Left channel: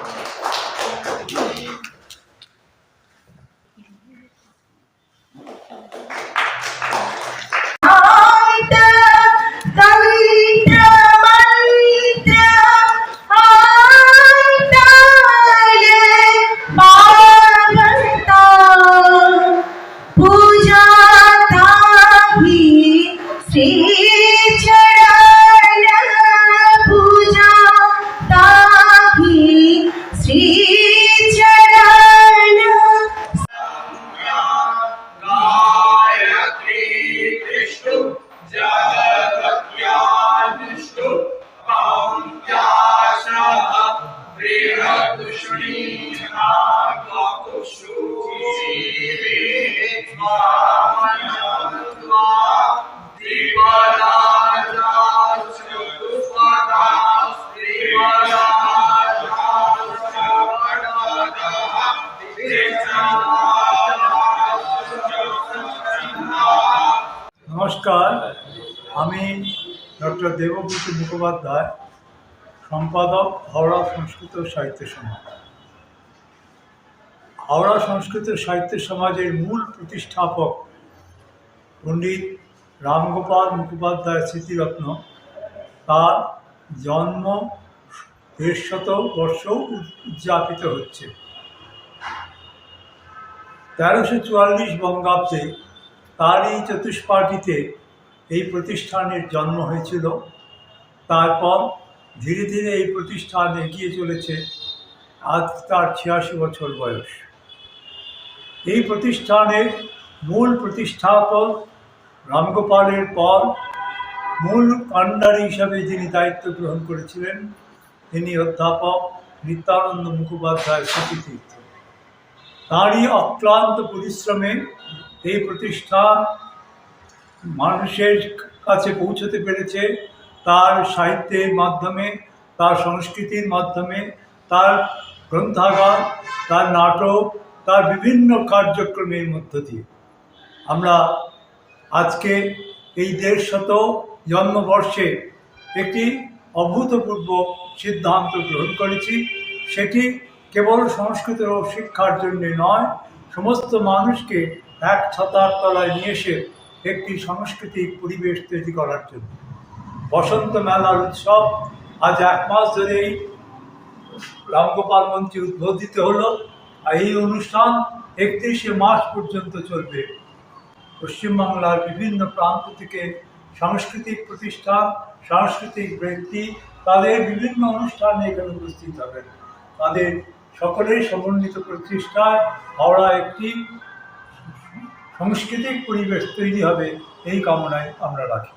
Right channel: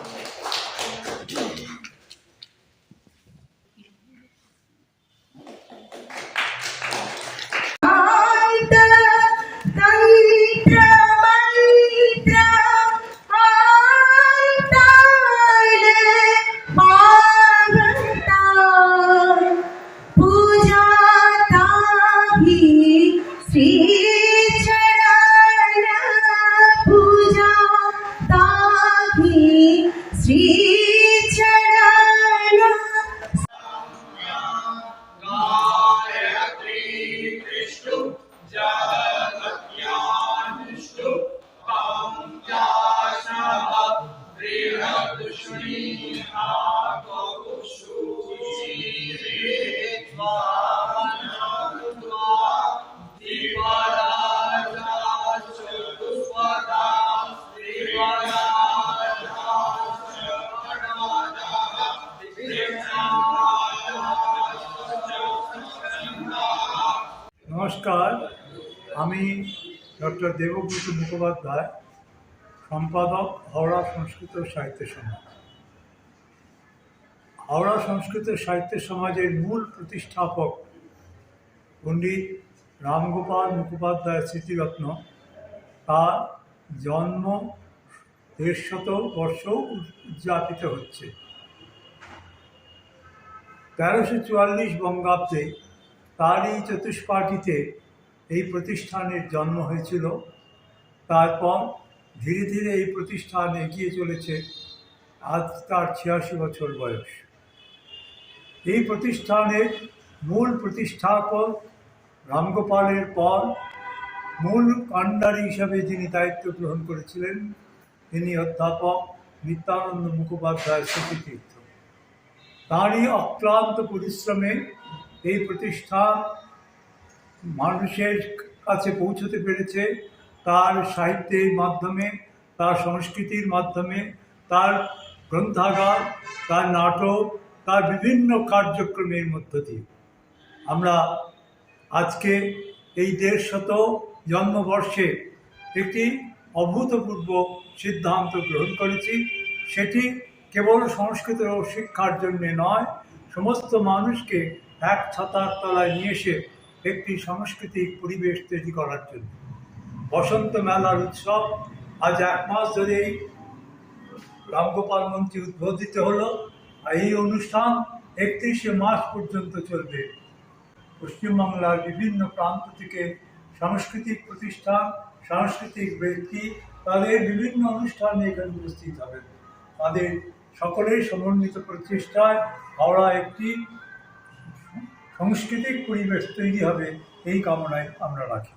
Amen. নমস্কার আমি doctor Debabrata Mukhopadhyay সম্পাদক হাওড়া সংস্কৃত সাহিত্য সমাজ হাওড়া সংস্কৃত সাহিত্য সমাজের মূল প্রতিষ্ঠাপক পণ্ডিত রামগোপাল মুখোপাধ্যায় স্মৃতিরত্ন। তার জন্ম দেড়শত বর্ষ উদযাপিত হচ্ছে। তেরোশো চুয়াল্লিশ বঙ্গাব্দে তারই চতুষ্পাটিতে এই প্রতিষ্ঠানের জন্ম হয়েছিল। তারপর ধীরে ধীরে এই প্রতিষ্ঠান এগিয়ে চলেছে। আজ তার ছিয়াশি বছর বয়স। এই প্রতিষ্ঠানের মূল প্রতিষ্ঠাপক রামগোপালের পর মূল কাণ্ডারি হিসাবে যিনি দায়িত্ব গ্রহণ করেছিলেন, তিনি অধ্যাপক নিত্যানন্দ মুখোপাধ্যায় স্মৃতিতীর্থ তাঁরই অক্লান্ত পরিশ্রমে এই প্রতিষ্ঠান মানুষের কাছে পৌঁছতে পেরেছে। তার সাহিত্যের মাধ্যমে, তার সংস্কৃতির মাধ্যমে, তার গ্রন্থাগার, তার নাটক তার বিভিন্ন কার্যক্রমের মধ্য দিয়ে। আমরা আজকে এই দেড়শত জন্মবর্ষে একটি অভূতপূর্ব সিদ্ধান্ত গ্রহণ করেছি। সেটি কেবল সংস্কৃত ও শিক্ষার জন্য নয়, সমস্ত মানুষকে এক ছাতার তলায় নিয়ে এসে একটি সাংস্কৃতিক পরিবেশ তৈরি করার জন্য। বসন্ত মেলার উৎসব আজ এক মাস ধরেই রামগোপাল মঞ্চে উদ্বোধিত হলো। এই অনুষ্ঠান একত্রিশে মার্চ পর্যন্ত চলবে। পশ্চিমবাংলার বিভিন্ন প্রান্ত থেকে সাংস্কৃতিক প্রতিষ্ঠান, সাংস্কৃতিক ব্যক্তি তাদের বিভিন্ন অনুষ্ঠানে এখানে উপস্থিত হবেন। তাদের সকলের সমন্বিত প্রতিষ্ঠায় হাওড়া একটি সাংস্কৃতিক পরিবেশ তৈরি হবে, এই কামনায় আমরা রাখি।